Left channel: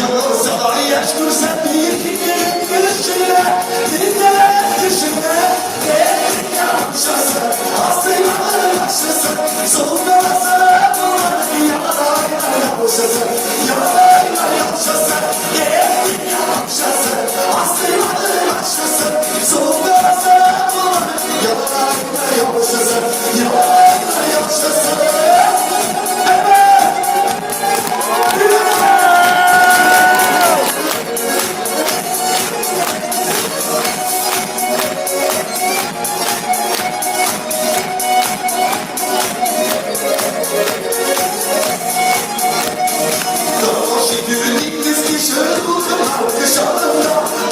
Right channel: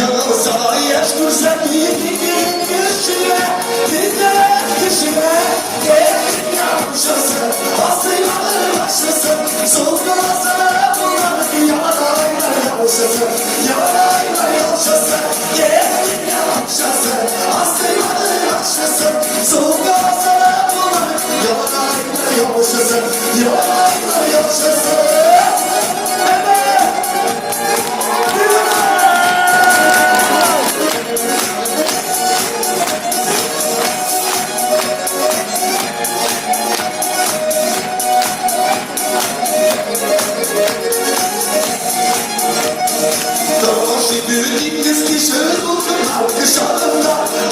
Yanılsalar yaş kursa bir gidelim güçlüğe. Dinlere kişime değerin yaşasın. Aslıyanın yaşasın. Soğuklarsa bunlar yalayla yaşasın. Yalayla yaşasın. Değerin yaşasın. Aslıyanın yaşasın. Soğuklarsa bunlar yalayla yaşasın. Yalayla yaşasın.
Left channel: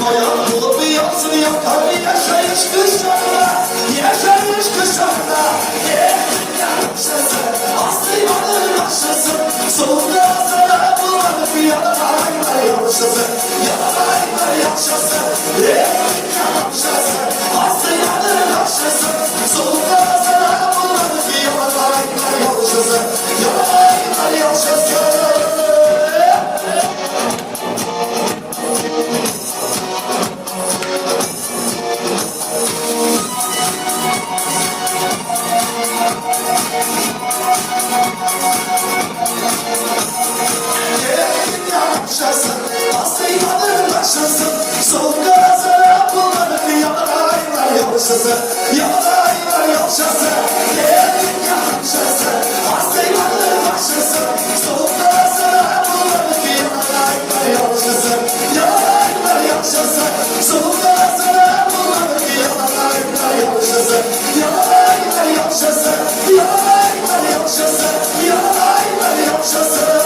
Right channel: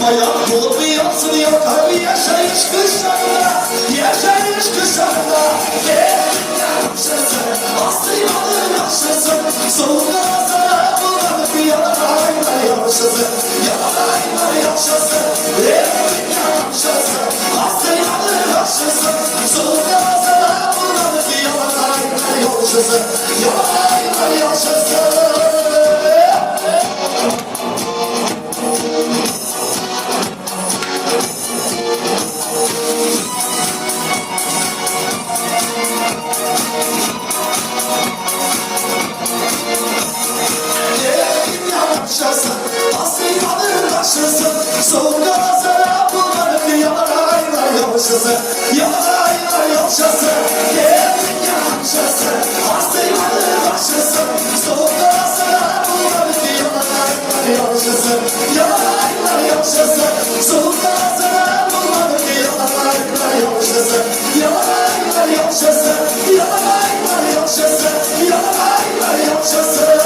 Bayan dolu bir yansın yok hali yaşayış kışlarda. Yaşayış kışlarda. Yaşasın, aslıyanın yaşasın. Sonunda asla bulanıp yalanayla yaşasın. Yalanayla yaşasın. Yaşasın, aslıyanın yaşasın. Sonunda asla bulanıp yalanayla yaşasın. Yalanayla yaşasın. Yaşasın, aslıyanın yaşasın. Sonra sana bunları yalanayla yaşasın. Yalanayla yaşasın. Yaşasın, aslıyanın yaşasın. Sonra sana bunları yalanayla yaşasın. Yalanayla yaşasın. Sonra sana bunları yalanayla yaşasın. Yalanayla yaşasın. Yalanayla yaşasın. Yalanayla yaşasın.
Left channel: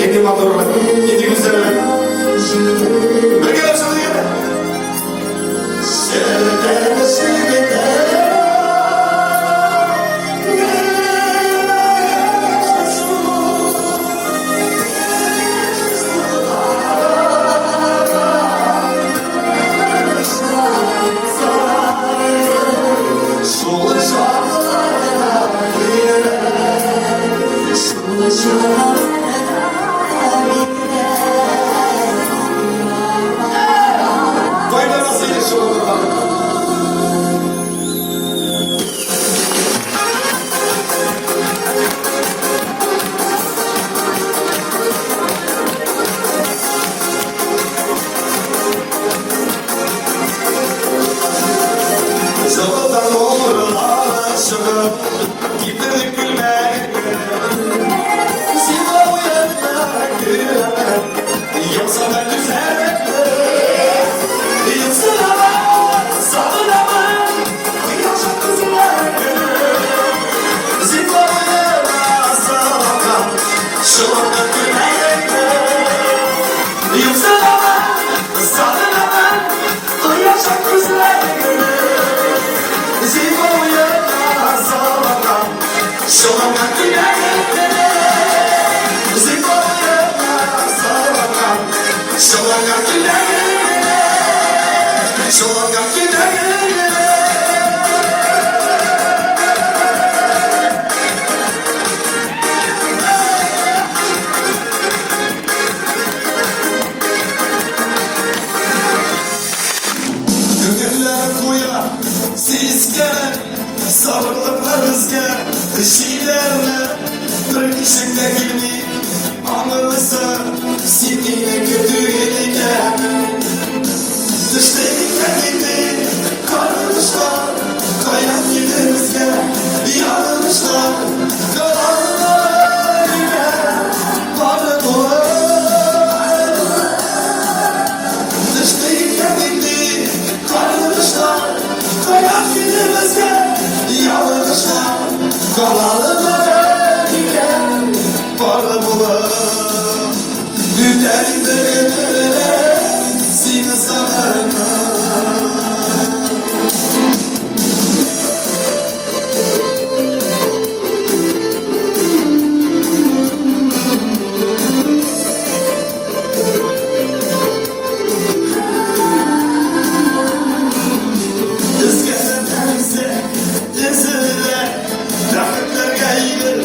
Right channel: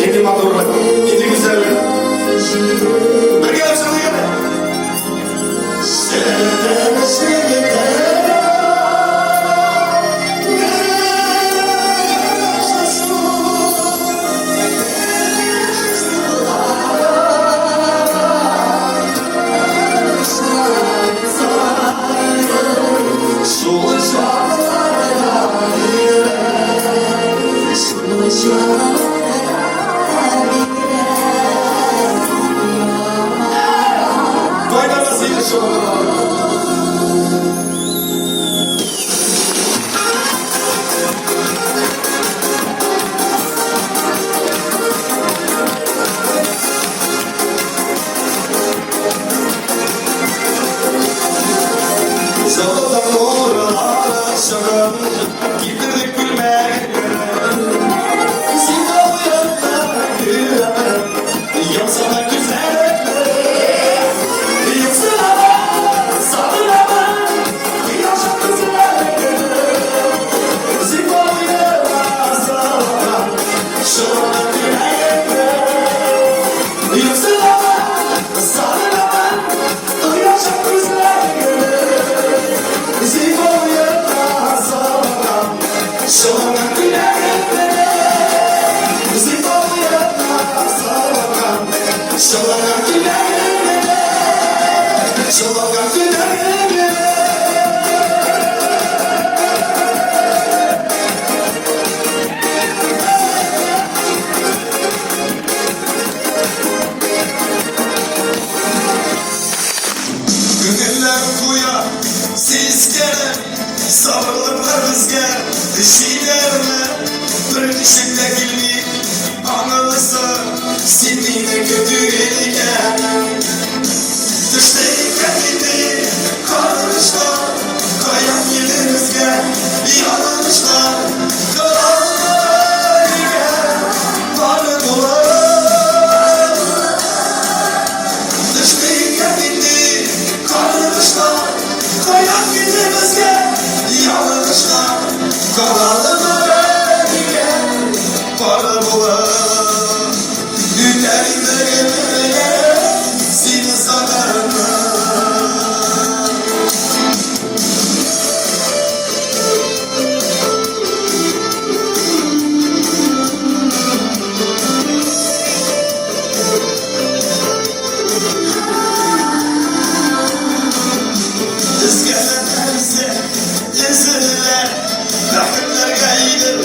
Yedi madurlar, yedi güzeller. Bölge çalı gene. bakar gider. Gönüller kuya sizge, sabırlı rızge, şeylerle bir kişinde gibi anılsa sindiğine kötü eline. Düşteyim kendini karışlar, kayan yerimizge yanılmışlar. Kalanlar ile varı bular. Düşteyim kendini karışlar, kayan yerimizge yanılmışlar. Kalanlar ile varı bular. Günlerinde seni sanarım. Rüzgarlarsa ezile, rakipler gelir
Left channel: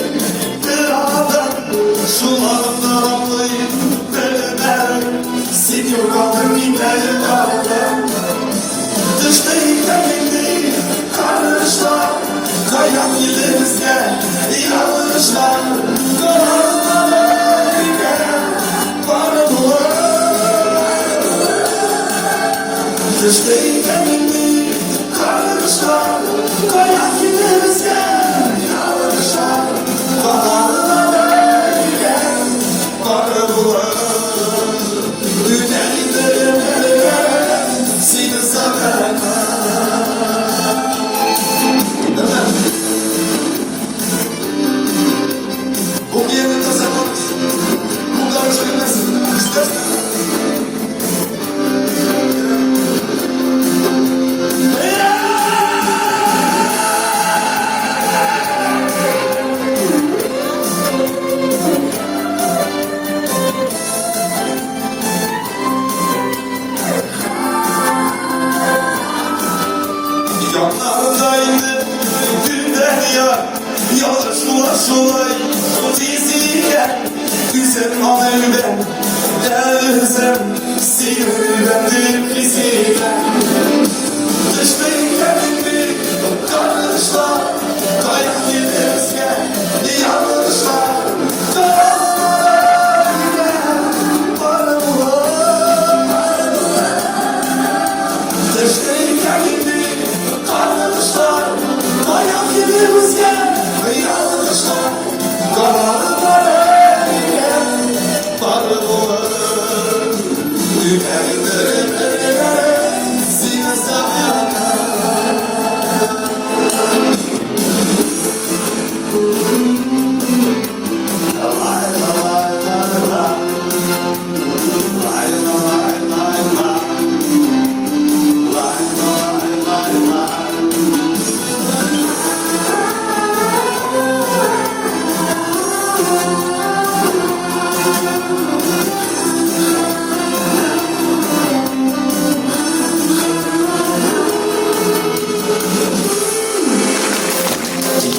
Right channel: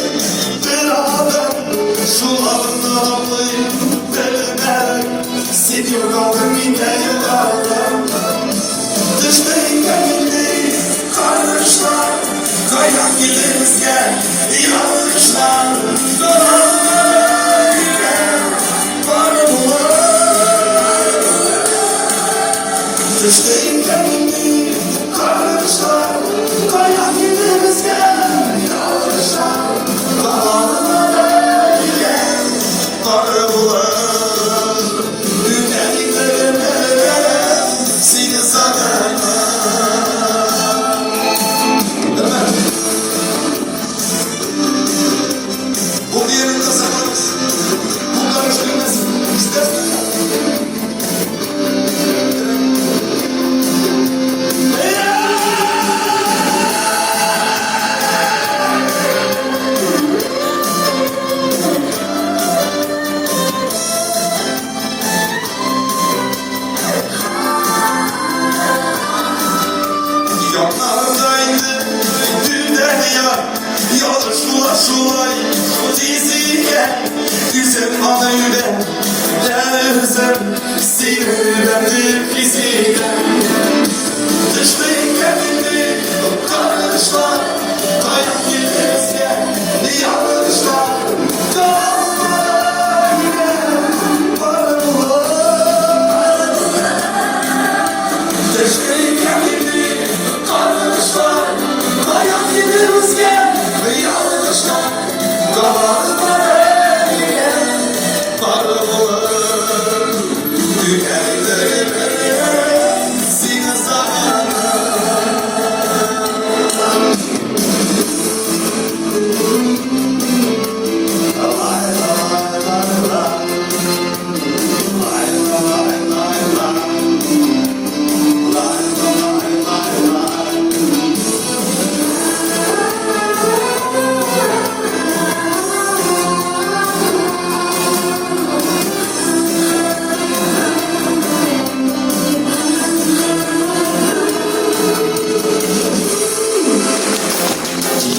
bir adam. Sularında ağlayıp vermem, seni kaldım inleri aldım. Düşteyim benimle karışlar, kayan giderizge yanlışlar. Kalanlar ile var bular. Düşteyim benimle karışlar, kayan giderizge yanlışlar. Kalanlar ile var bular. Seni sanarım. Bu bir yerinde sanırız. Bunlar çözülmez. Bizde. Yanlarındaydı dünya, yolda şulay, şu diziye. Güzel amelde, dersem, sinirlendir fiziğe. Düşmeyin kendini, karışlar, kayan giderizge, yanlışlar. Kalanlar ile var bular. Düşmeyin kendini, karışlar, kayan giderizge, yanlışlar. Kalanlar ile var bular. Günlerinde seni sanarım.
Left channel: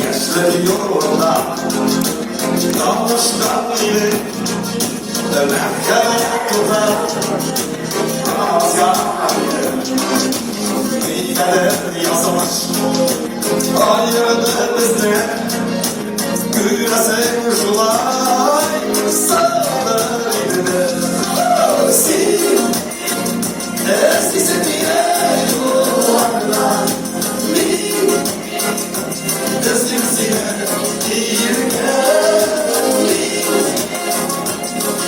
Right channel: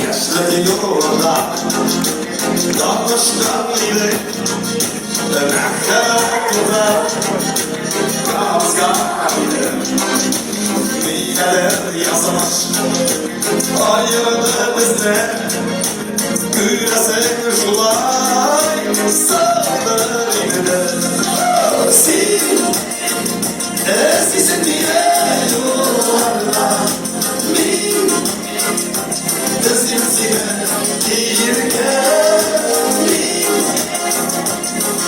Yaşları yolda dalmışlar ile Mekka'da Kazan'da Mineler yazmış Ayrıdır bizde Gülesin şulay Sağdır gider Eskisi diye yollardan Özümsine giyirken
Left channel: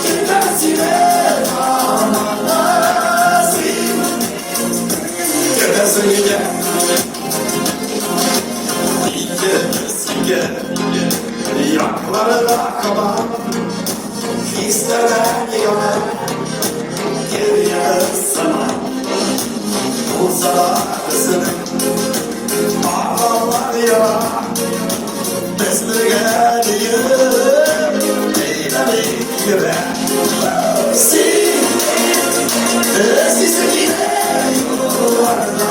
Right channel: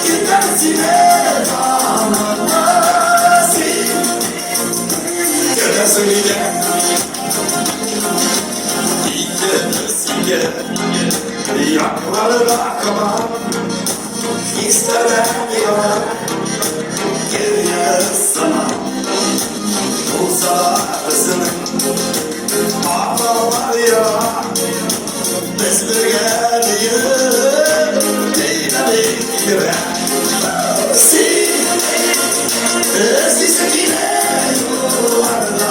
Gidersine aman nasip Gidersin gide Gidersin gide Yakları da kabar İstemem yanar Geriye sana Uzarsın Ağlar ya Eskisi yine yollarla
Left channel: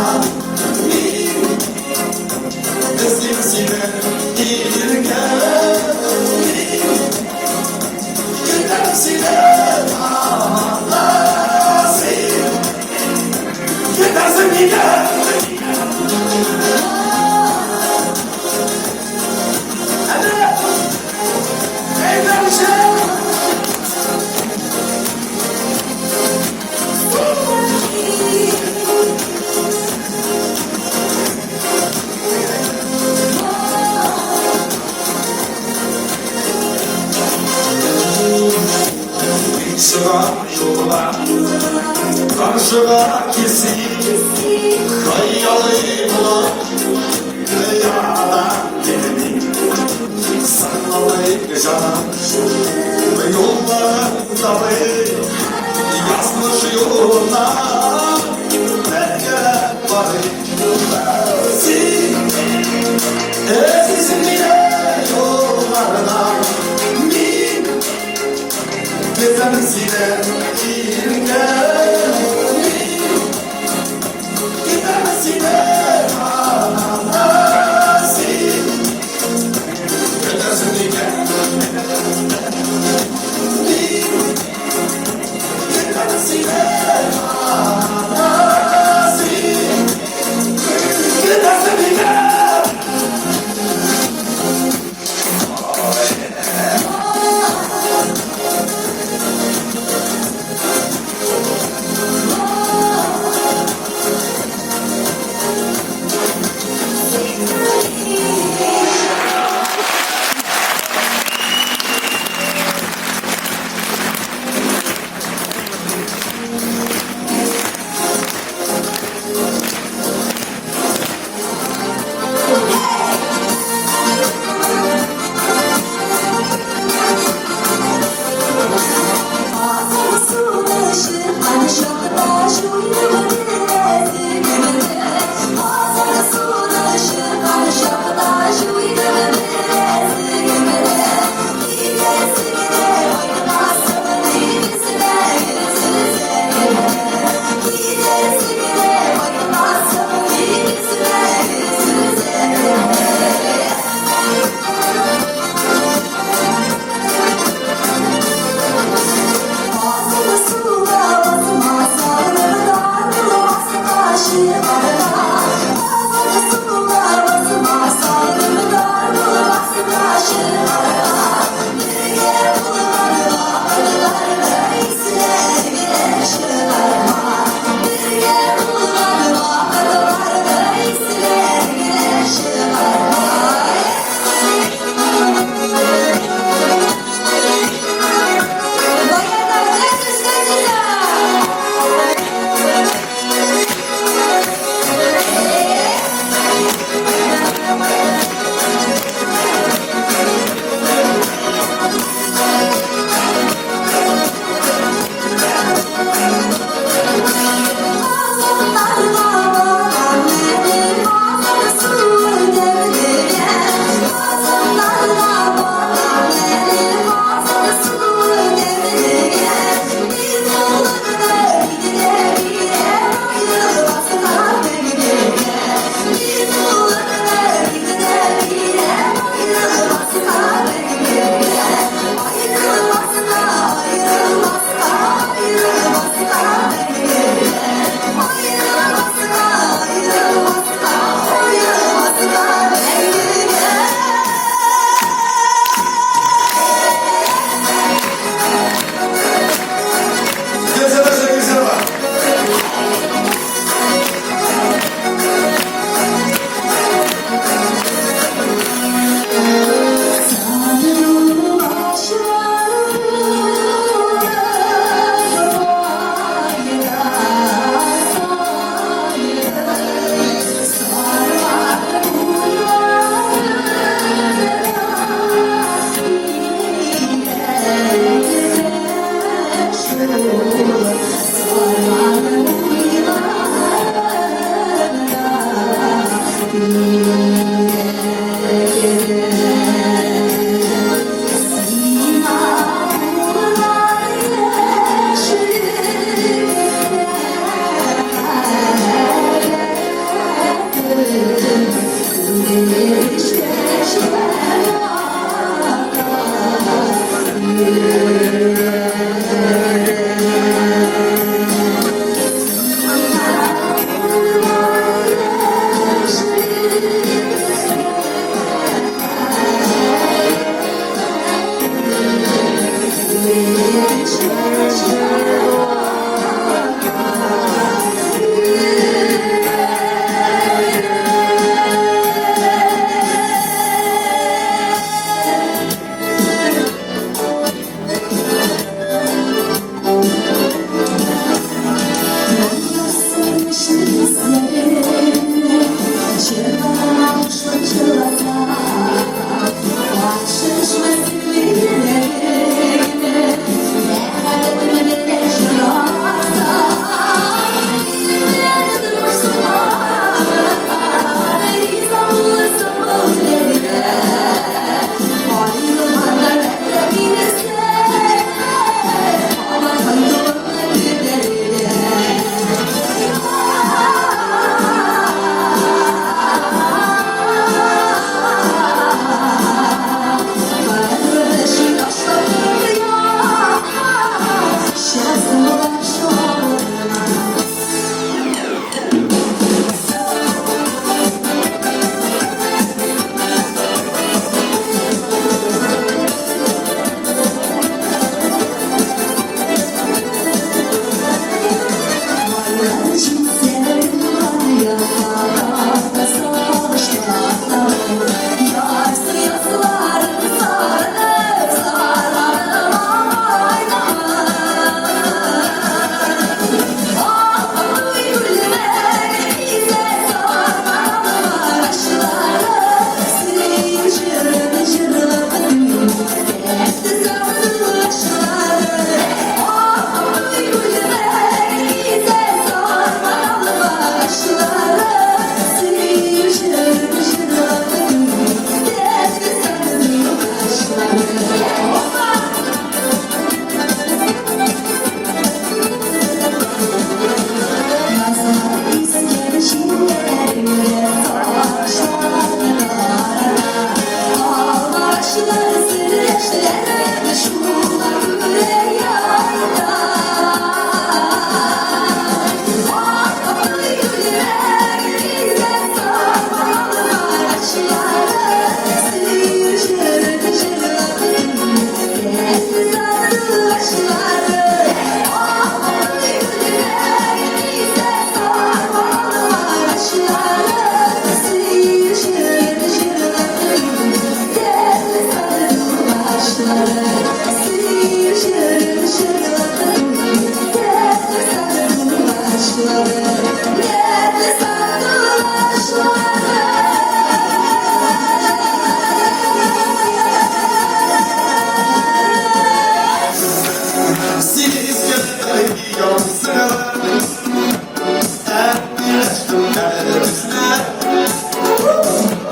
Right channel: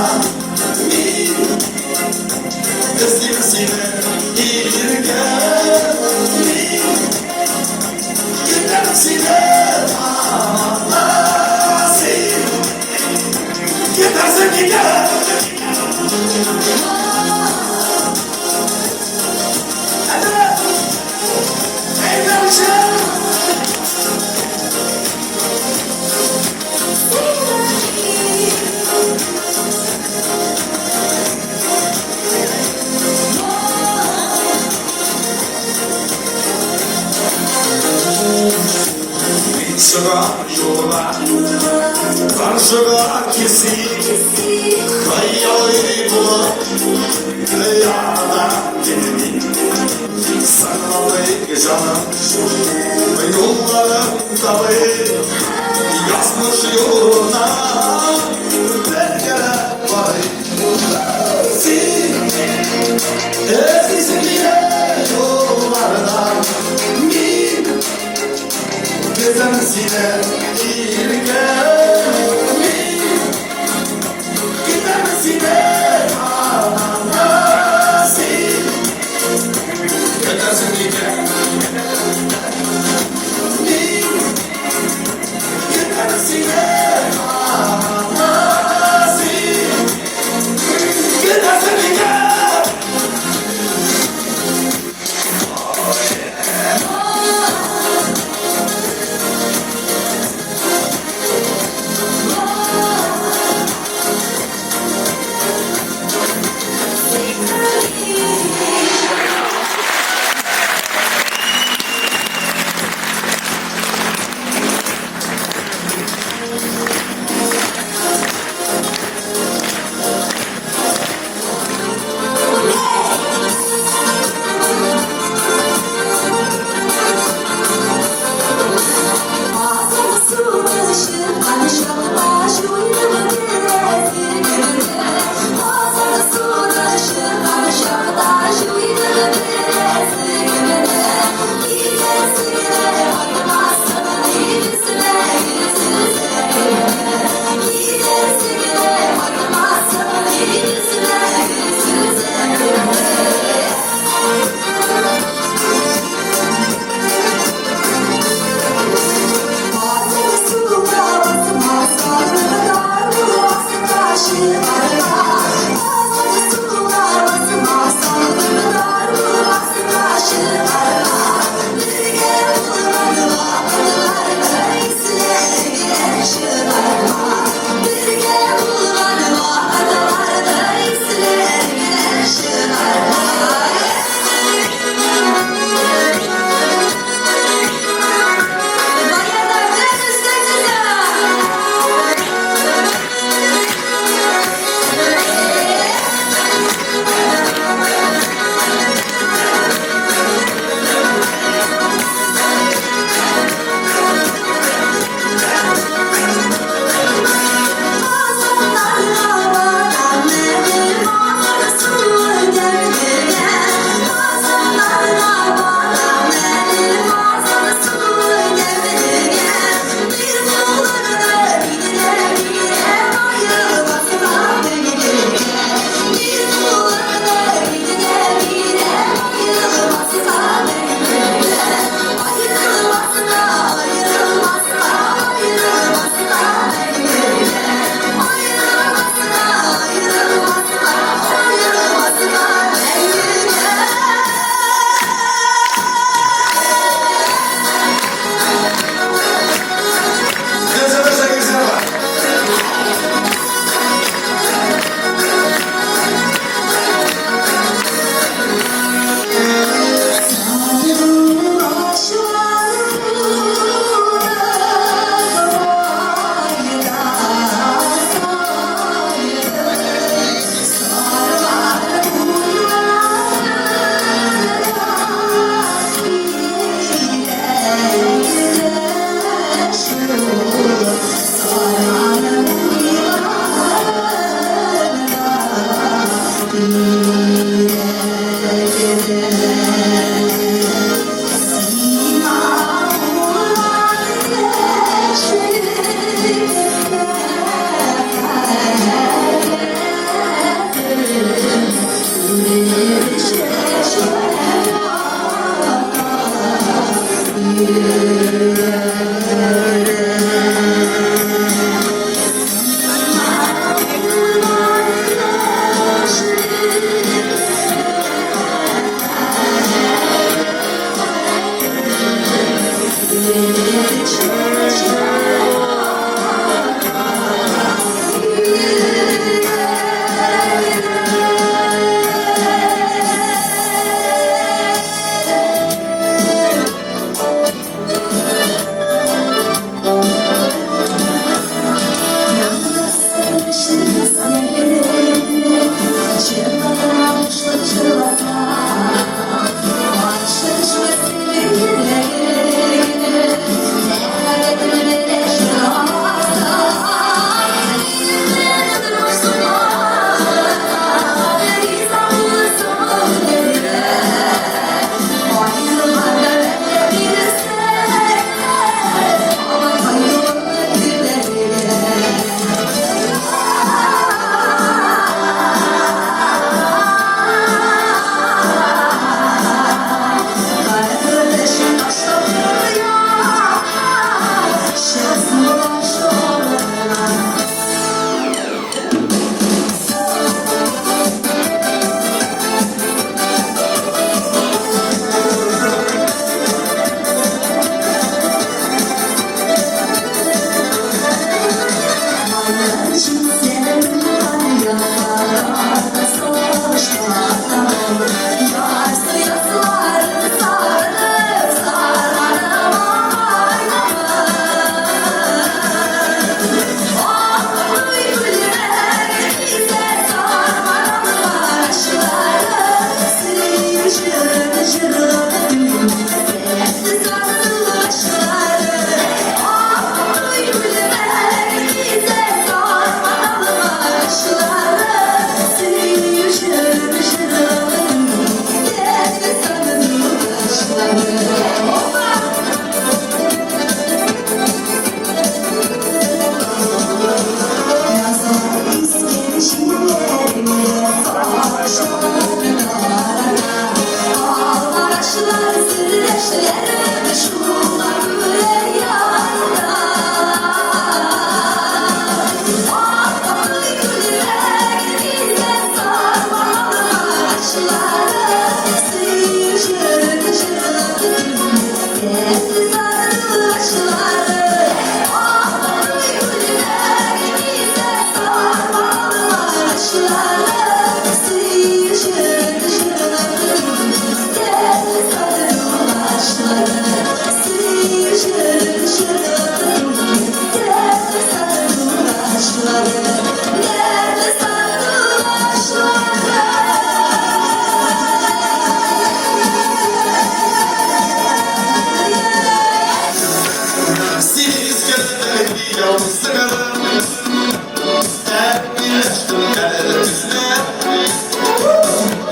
cana ve yollara tabi yazmış yoluna belgeler var. Ezizliğe yollardan bir gezen sine girken giden sine ananası ezizliğe bir giden sine ananası giden sine.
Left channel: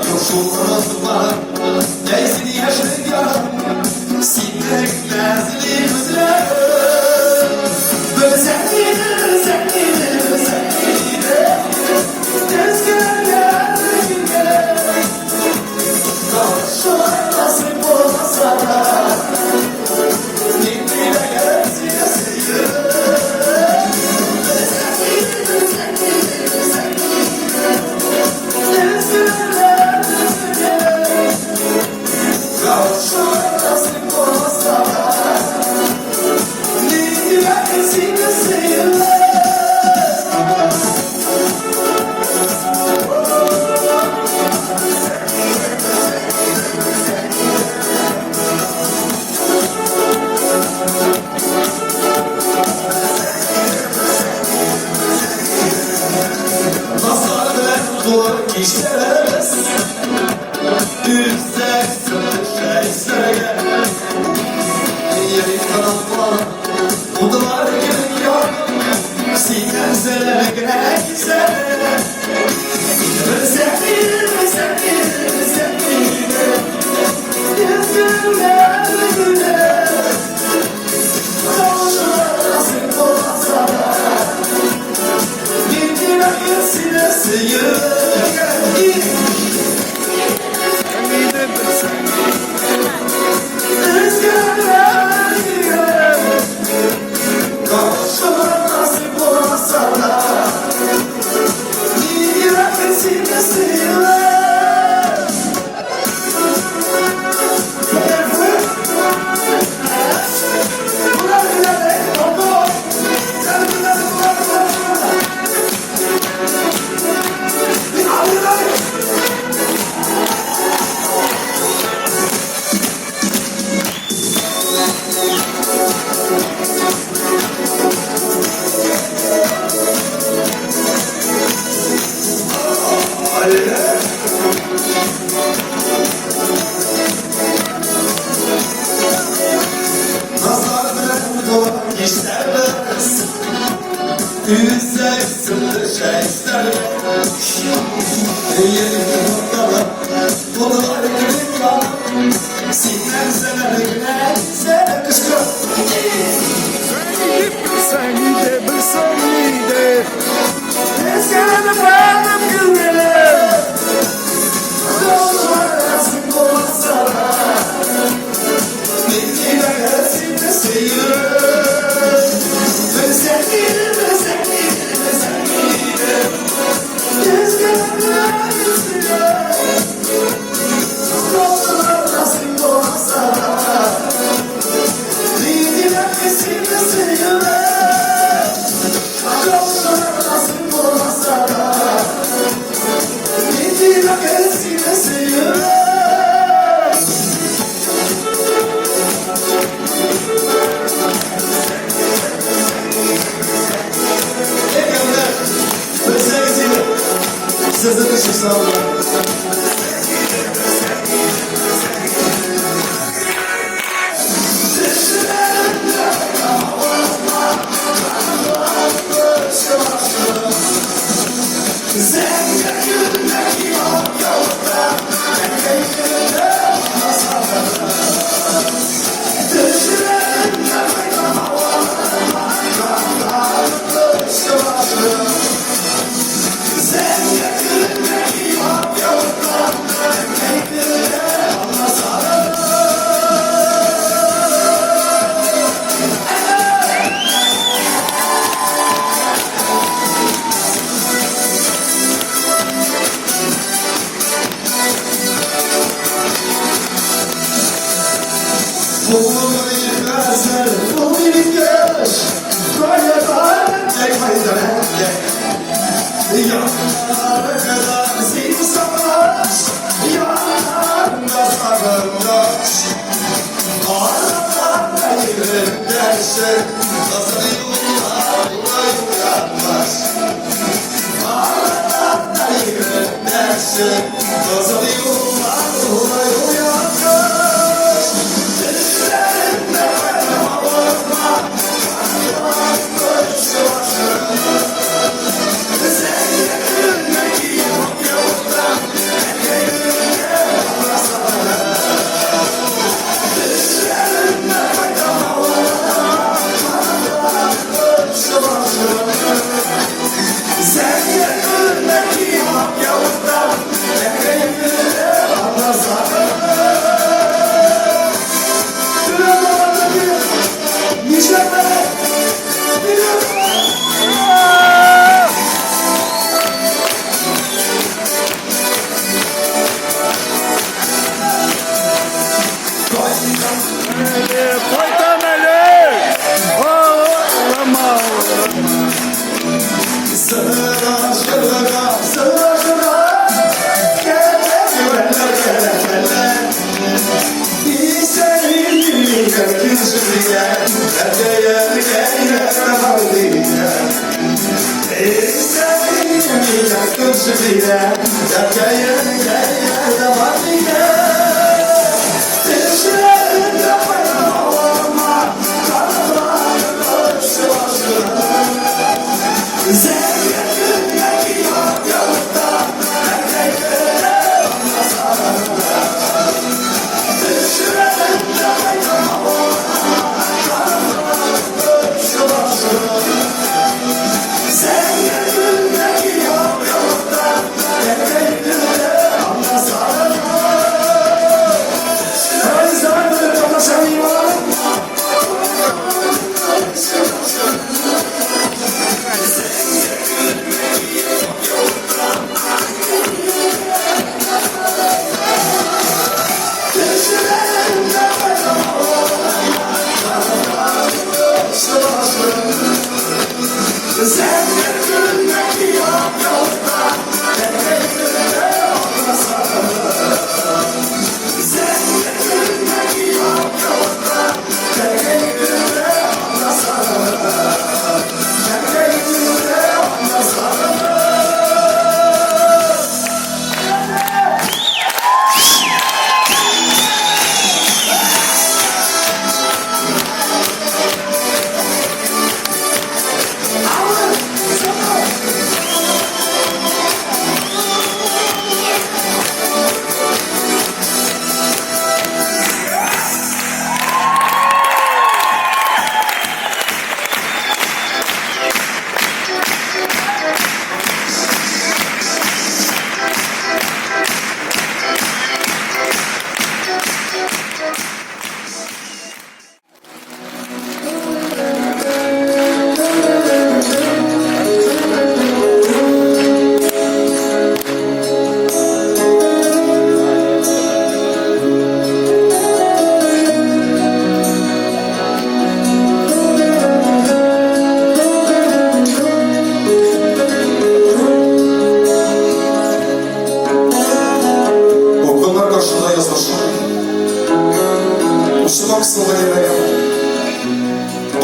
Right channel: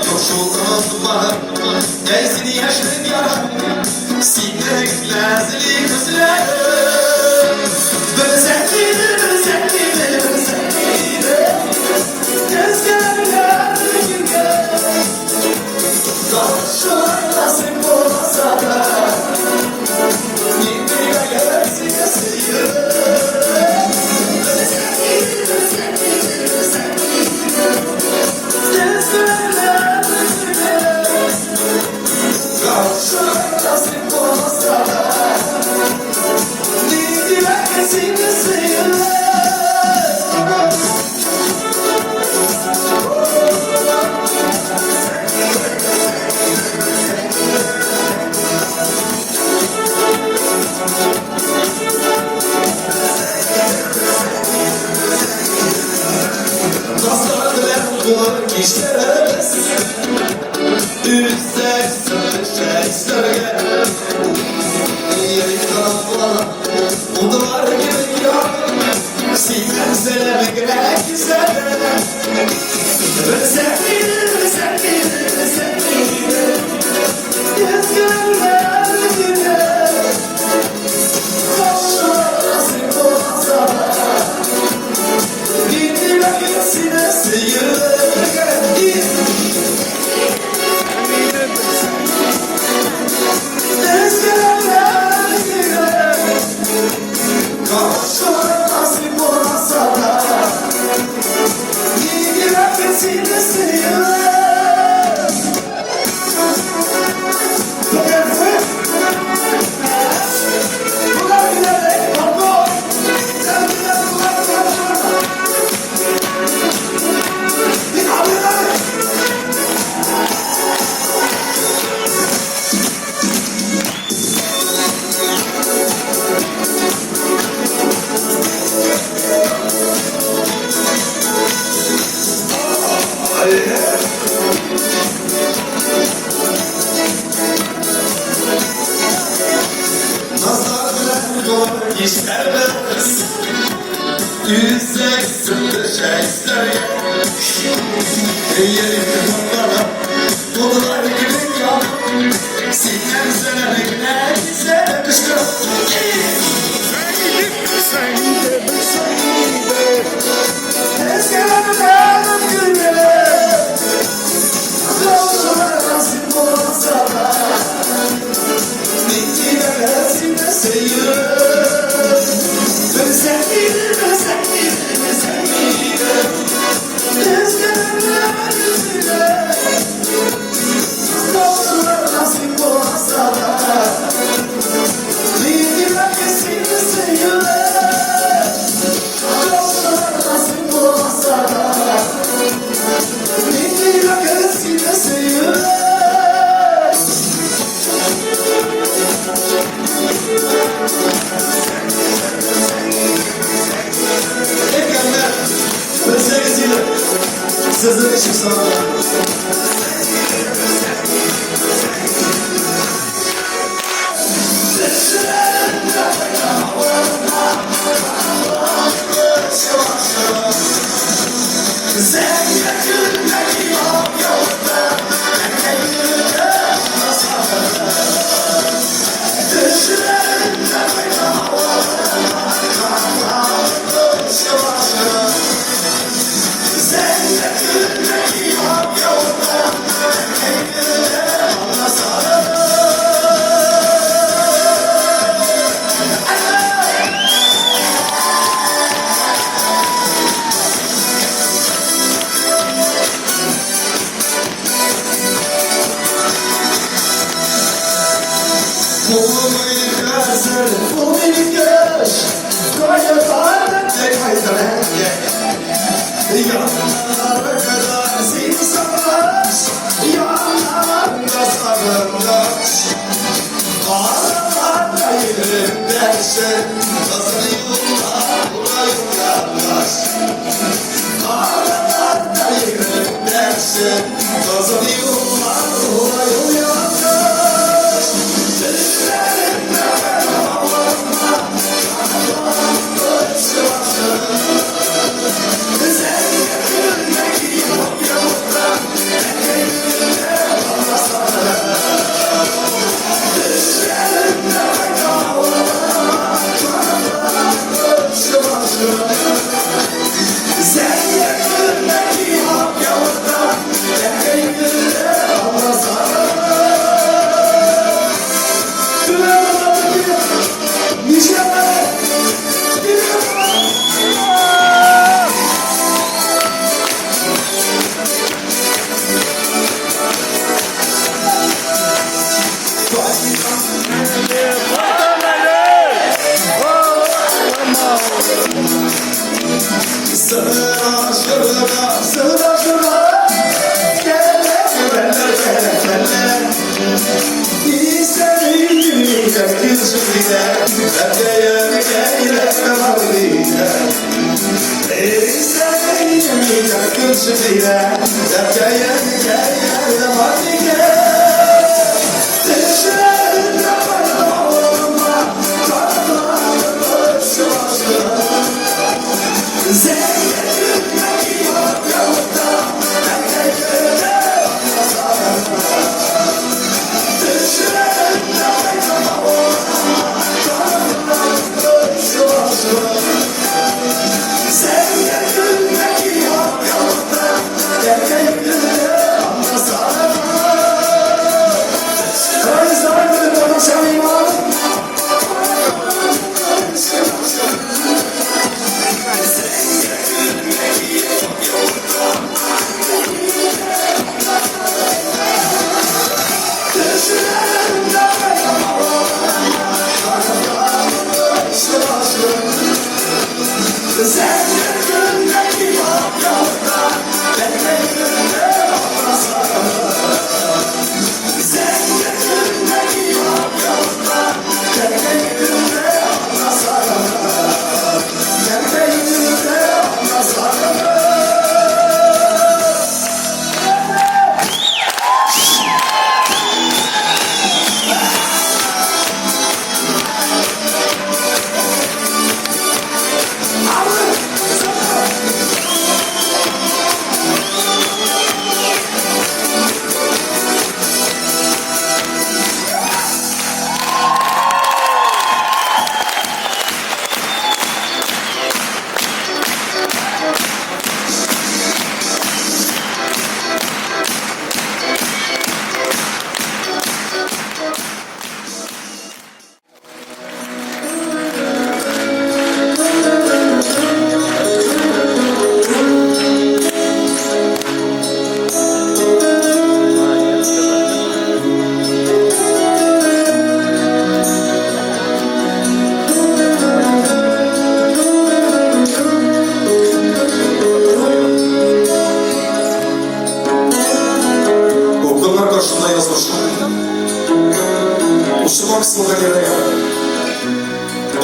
Yoksul var, gezini yaşlı ya. Sinek lezzetli kızlar. Böyle sevdiğini, sevdiğini, sevdiğini. Rüzgarlar, rüzgar. Nasıl olmasa da. Yine gelsin sayı. İşlerimiz yüksek şey söyle. Yeni kalan bunlar gibi ya. Sinirselere gerek güzel. Özellikle yüzgünler güler. Kavuşmasın olmasa da. Gitti vakitine sıyır. İşlerimiz yüksek sırtı şey söyle. Yeni noktalar bunlar gibi ya. Sinirselere güzel kışkı. Sen de Ezgilerden güller. Kavuşmasın olsa da. Bitti vakasine sayır. Sözleri için sağ olun.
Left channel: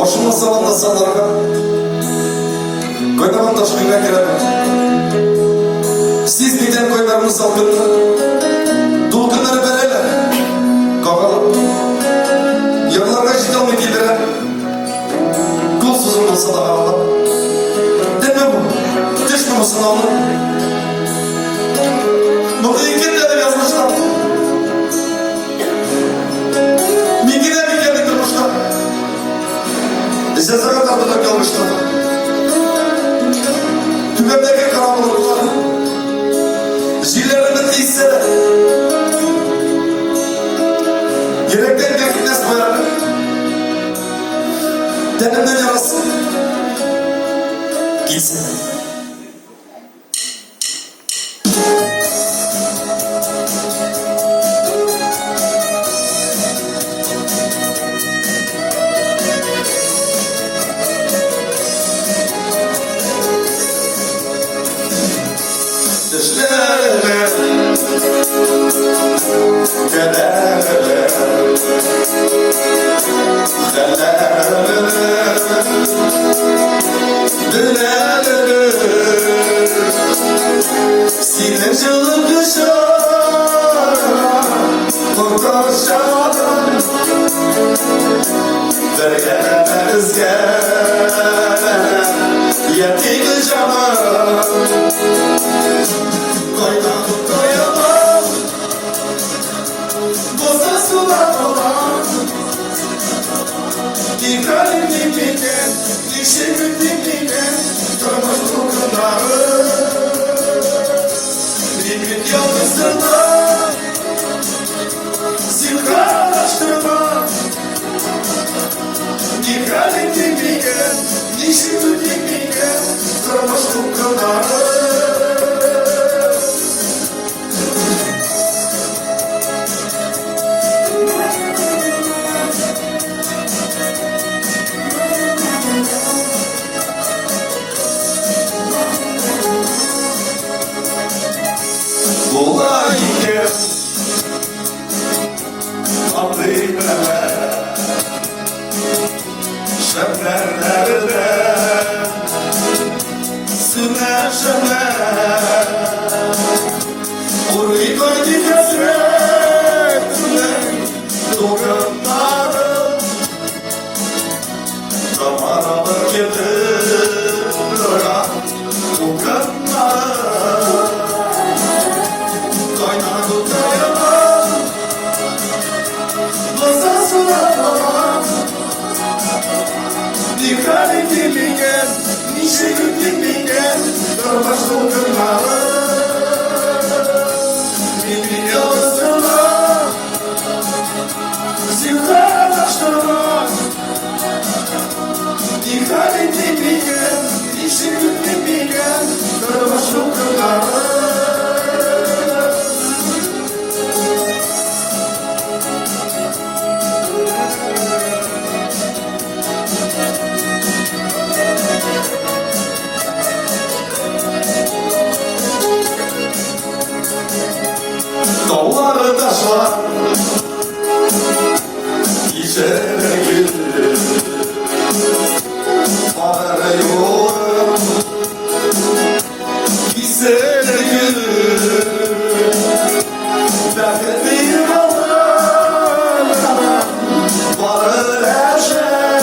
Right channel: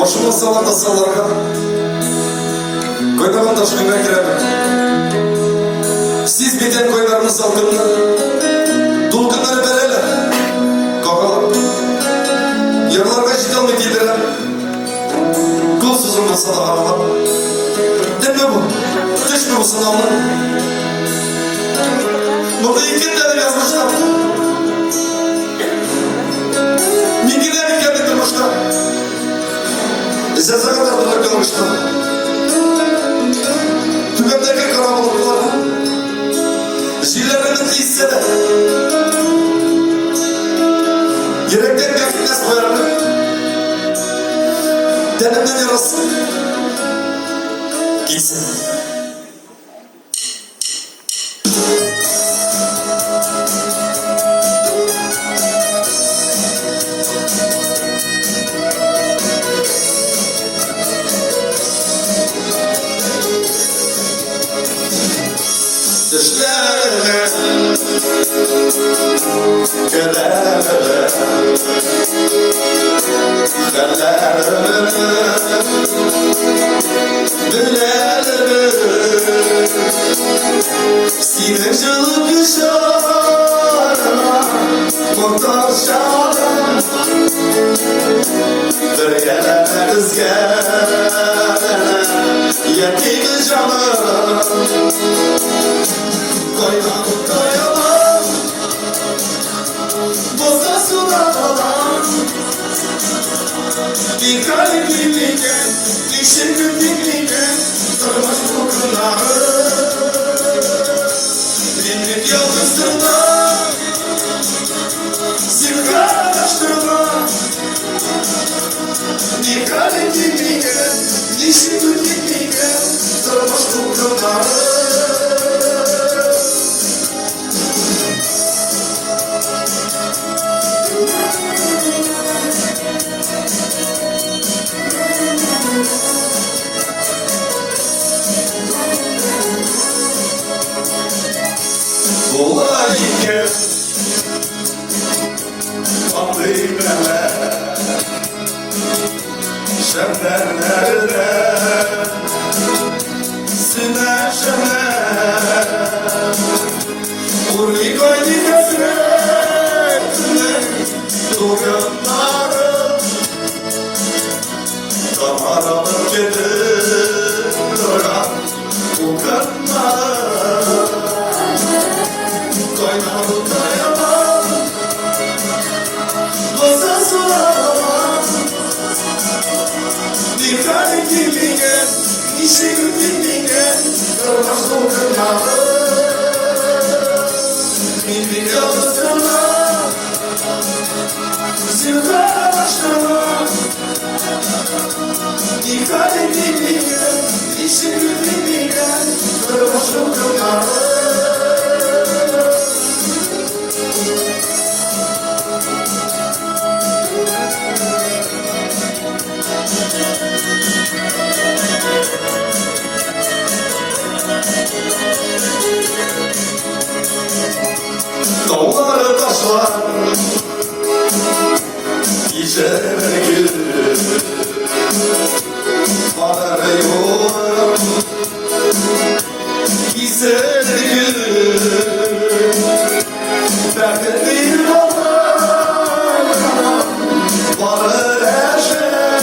Başıma salanda salarga Koynaman taşkınına girelim. Siz biten koylarımız salgınlı Dulkınları belele Kakalım Yarlarga jidalmı gidirem Kulsuzun olsa da ağlam Deme bu Düşme bu sınavlı Burada ikin de yazmışlar Mingine bir kere durmuşlar Sese kadar da kalmışlar Tümendeki karanlıklar Zillerinin değilse de Yürekten bir fitnes koyarlar Denimden yarası Gitsin Düşlerime Gelerime Gelerime Dilerime Sinecılık kışarına Kurtaşarım Dergeleriz gele Yetim canım Koynam koyamam Boza sular olan Bir kalbim dinleyen İşimim dinleyen Durmaz kokuları Benim yalnızlığıma Zirgalaştırma Bir kalbim dinleyen İşimim dinleyen Durmaz kokuları Olayım Aklımla Şemperlerine Süneşeme var İçeride gül Bana yok İçeride gül Belki bir baba Bana eşer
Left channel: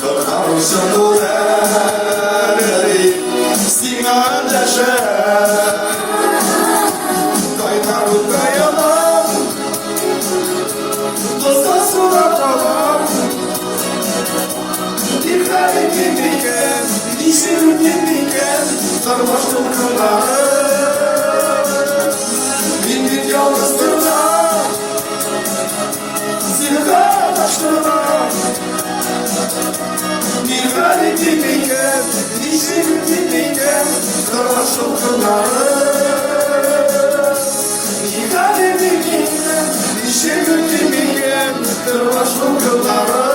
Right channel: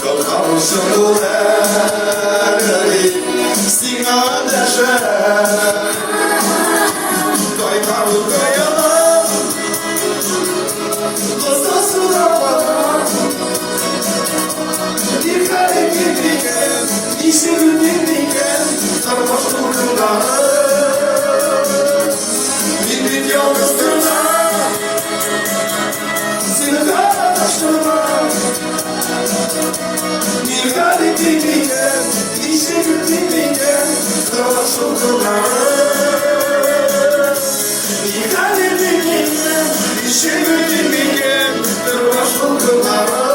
Kırkamışsın bu elleri Signal eşer Kaynar dayanam Kızda sular Dikkat edildikken İsim dindikken Sarhoş durdular Bindik yalnızdırlar Seni kardeştirler Dikkat edildikken İsim dindikken Sarhoş durdular Dikkat edildikken İsim dindikken Sarhoş durdular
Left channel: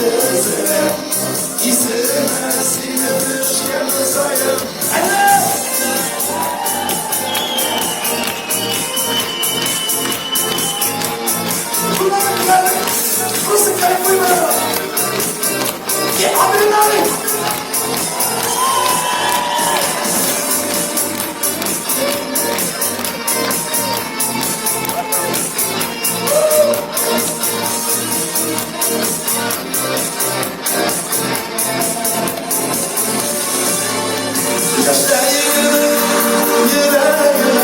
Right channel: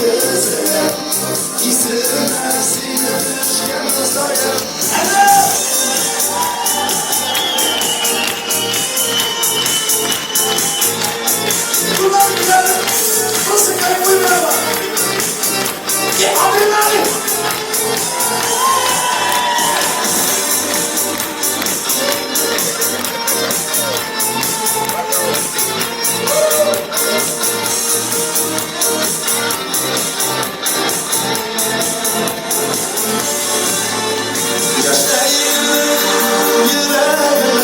Gözler İstemez Sinem sayar. Ulan música muy buena. ¡Qué ordinario! Yaşayın yüreğime,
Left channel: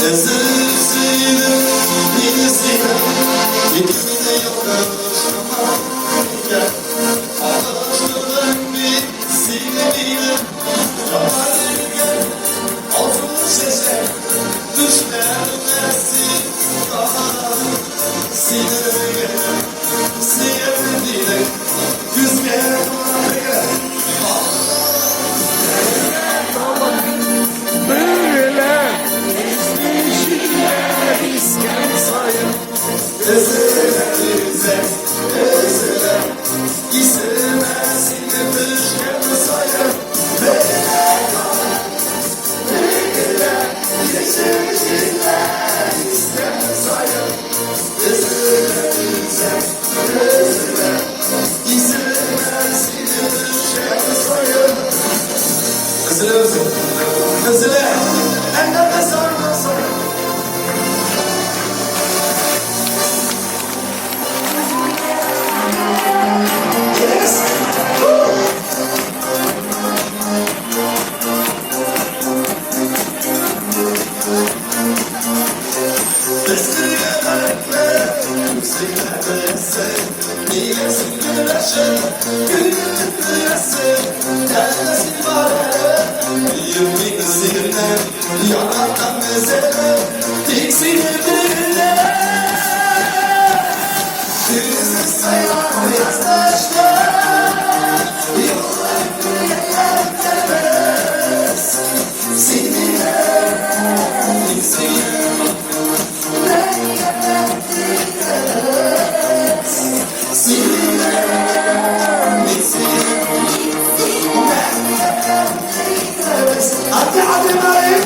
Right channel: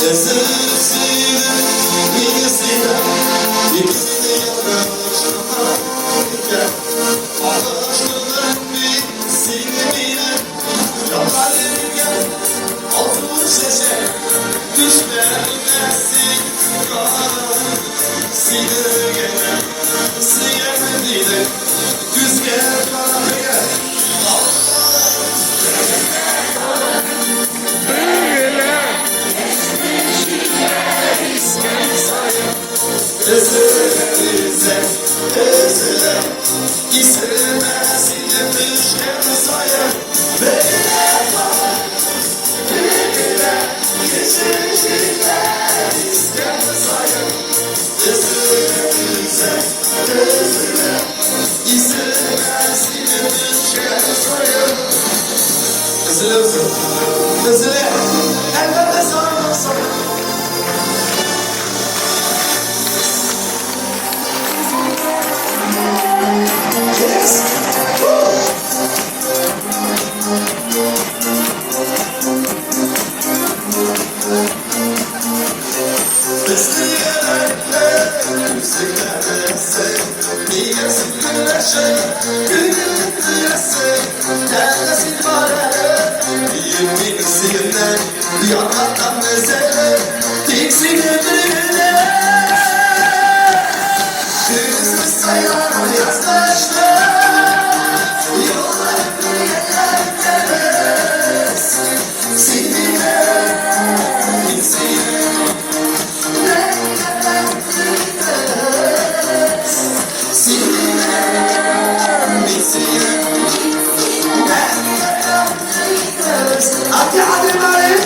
sessizliğini minizliğine, yıkımını yoldaşlamam gel. Ağlaştığım bir silmediğine, yaparım gel. Altın şeşe, düşlermesin dağlarım. Sinirgene, siyemediğine, güz gel bana gel. Ezele, ezele, istemez iletişken sayar. Bekle, geçmişler istem sayar. Ezele, ezele, istemez iletişken sayar. Ezele, ezele, ellerine sarma sayar. Yanaktan mesele, tiksin ödüğüne. Kızı sayar yazdaşlar, yollarını yeterlemez. Seninle gitsin, ne yeterlemez. Seninle bitsin, ne yeterlemez. Hadi hadi hadi.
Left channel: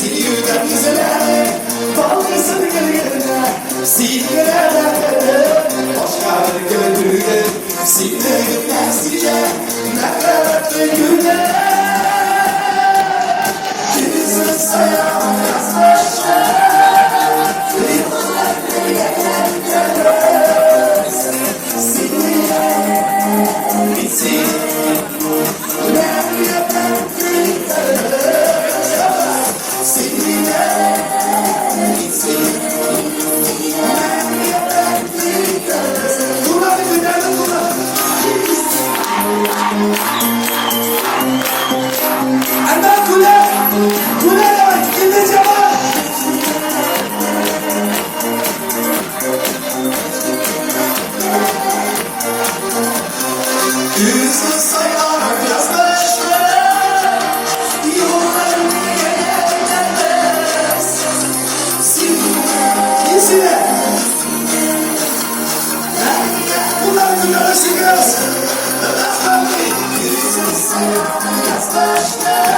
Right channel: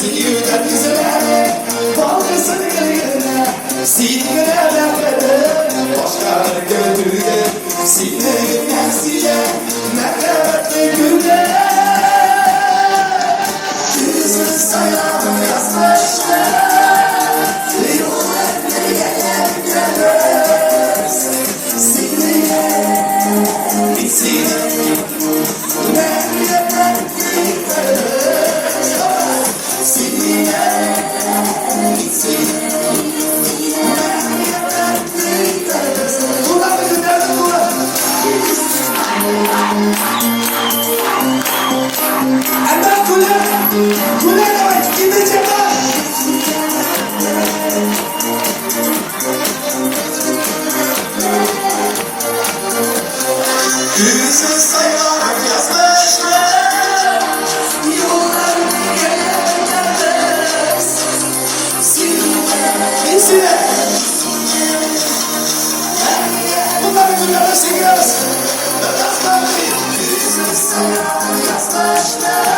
Siyudan güzele, balkısın gölgene, siyudan başka bir gönlüye, sinirden size, melekle güne. Kızı sayan yazdaşlar, yollarını yeterlemez. Sinirle bitsin, ben yeterlemez. Seninle gitsin, ben yeterlemez. Bunlar günelim bunlar. Enden kule, kule demek gideceğim. Kızı sayar yazdaşlar, yollarını yeterlemez. Sinirle, bunları duyuyoruz, kız. Kızı sayar yazdaşlar.